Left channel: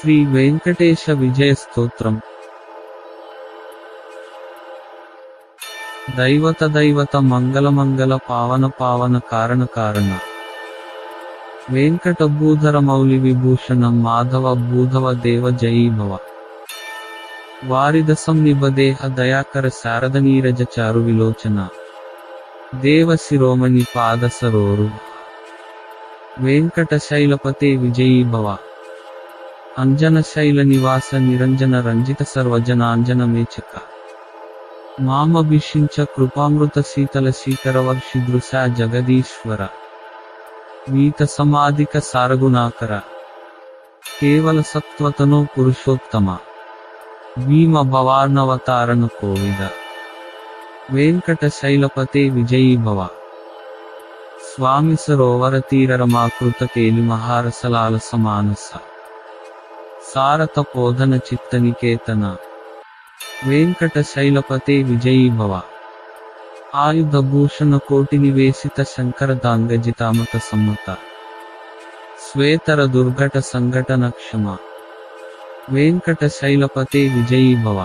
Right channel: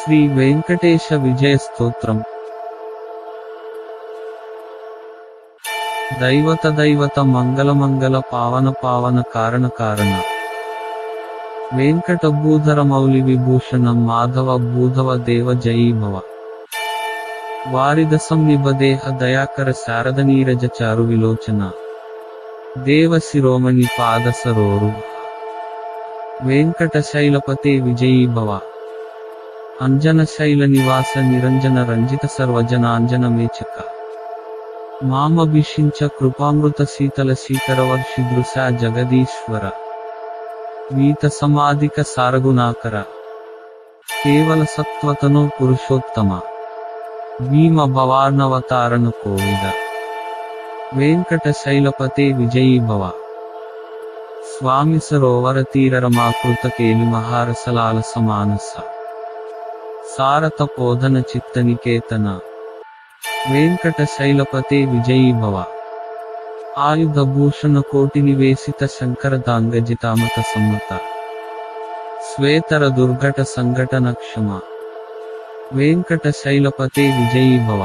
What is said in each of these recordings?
శ్రీ వెంకటేశ విజయ స్తోత్రం. దైవత మంగళ పావన పావన కారణ కారణ వెంకట భూధర మౌలి విభూషణం మాధవ భూధవ దేవ జయీ భవ. వారిదసం నిబదేహ దయాకర శారద నీరజ చారు విలోచన దేవ శిరోమణి పాద సరోరు వెంకట శైలపతే విజయీ భవ. అంజన శైల నివాస నిరంజన రంజిత సర్వజనాంజన మేచక మామభిషించ కృపామృత శీతల శీకరవర్షి దృశా జగదీశ్వర వీత సమాధిక సారగుణాకర కేవల సత్వతనో పురుషోత్తమ భీమ భవార్ణవతారణ కోవిద వెంకట శైలపతే విజయీ భవ. స్వామి సరోవర తీర రమాకృత తేలి మహారసలాల సమానస సారత పోధన చిత్త నికేతన వెంకట శైలపతే విజయీ భవ. ఆయుధ భూషణ కోటి నివేశిత శంకర దాంగజితామత సమృత శ్వేతర దుర్ఘట సంఘటన క్షమ వెంకట శైలపతే విజయీ భవ.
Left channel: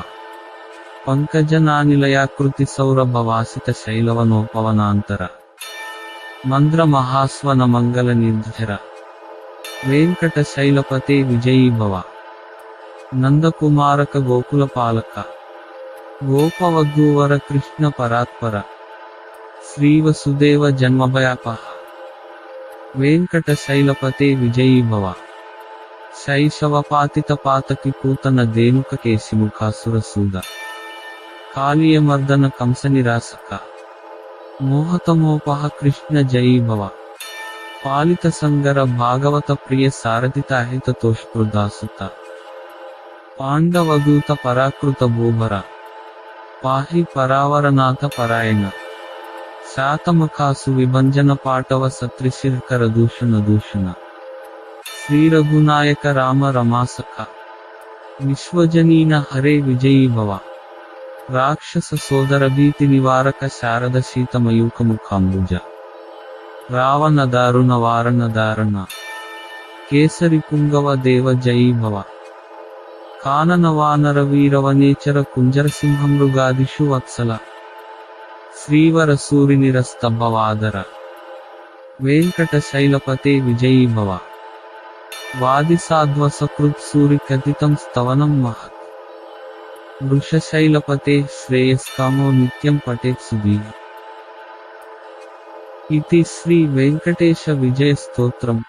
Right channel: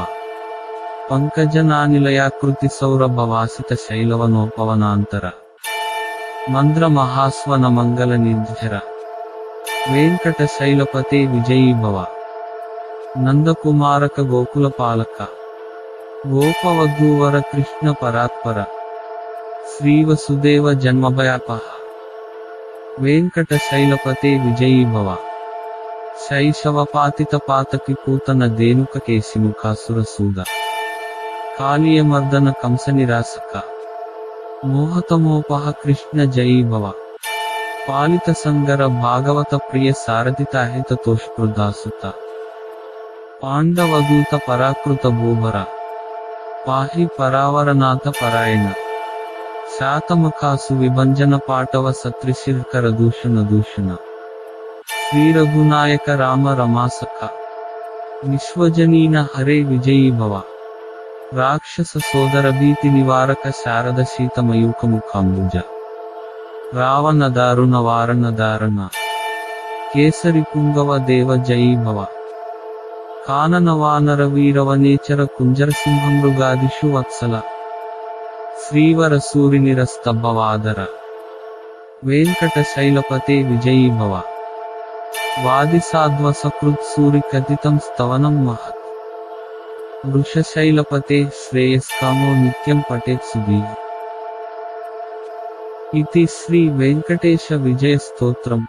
పంకజనానిలయాకృతి సౌరభవాసిత శైలవనోపవనాంతర మంద్ర మహాస్వన మంగళ నిర్జర వెంకట శైలపతే విజయీ భవ. నందకుమారక గోకుల పాలక గోపవధూవర కృష్ణ పరాత్పర శ్రీవసుదేవ జన్మభయాపహ వెంకట శైలపతే విజయీ భవ. శైశవపాతిత పాతకి పూతన ధేనుక కేసి ముఖాసుర సుందర కాళీయమర్దన కంస నిరాసక మోహతమోపహ కృష్ణ జయీ భవ. పాలిత సంగర భాగవత ప్రియ సారథిత అహిత తోష్కృదాసుత పాండవదూత పరాకృత భూవర పాహి పరావరనాథ పరాయణ శాతముఖాసు విభంజన పాటవ సత్రిశిర్కర దూషణ దూషణ శ్రీ రఘునాయక రామ రమాసక విశ్వజనీన హరే విజయీ భవ. రాక్షస సోదర భీతి నివారక శారద శీతమయూఖ ముఖాంబుజ రావణ దారుణ వారణ దారణ కేసరి పుంగవ దేవ జయీ భవ. కానన వానర వీరవనేచర కుంజర సింహమృగాదిషు వత్సల శ్రీవర సూరినిరస్త భవాదర వెంకట శైలపతే విజయీ భవ. వాది సాధ్వ సకృత్ సూరి కథితం స్తవనం మహత్ వృషశైలపతే శ్రేయస్కామో నిత్యం పఠేత్ సుధీః. ఇతి శ్రీ వెంకటేశ విజయ స్తోత్రం.